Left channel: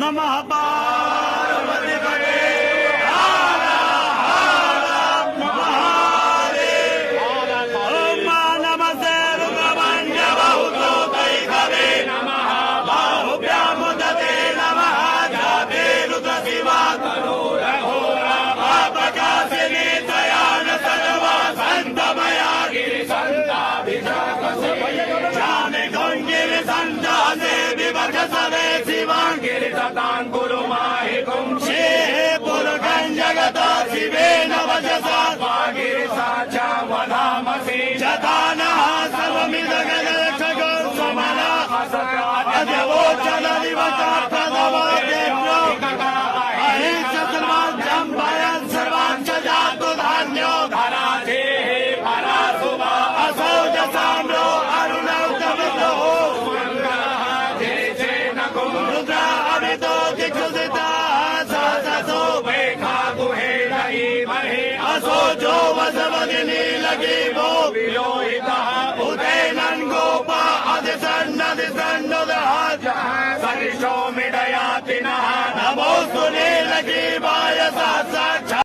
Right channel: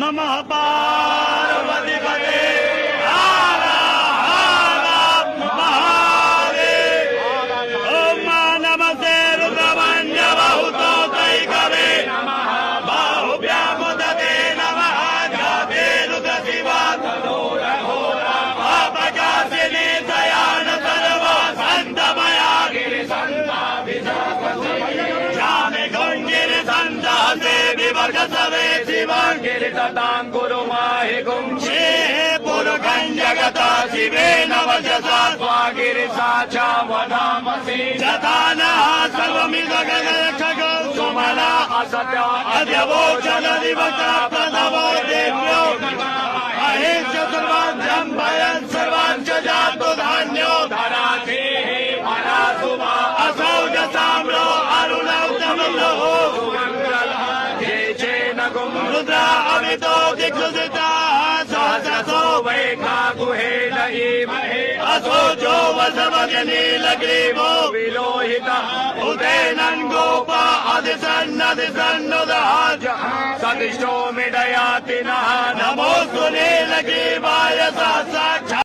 नमः पार्वती पते हर हर महादेव। ओम नमस्ते रुद्रमण्य बहुतो दैकवे बाहुभ्यामुदते नमः जाते रुद्र शिवा प्रकाशिने दयान सर्वा संतमया गिरि जामे गंगिरि संदासे विभज सवे शिवं गिरि ततां गुरु माहि गुंशे पुरगं जगता शिवे नवजसा गिरि साचा वनामसि जतानः सर्वमिदगग खग समला अजवोचन दिवसा प्रदवो देव्यो अहिंस सर्वाभ्यं भयं सर्वांच जातु धान्यो धराधे भरासुभा असौ दशाम्रो अरुणोत्तमलो रुद्र अभितो दिग्गजिता सहसो वैखा गुहे महे असो जो वसवग्नि लग्रीवो विरोहितः उदयनं गोप अधिसन्नदहाज सविष्टो मिडयाति नः नमोऽस्तु नीलग्रीवाय साक्षात्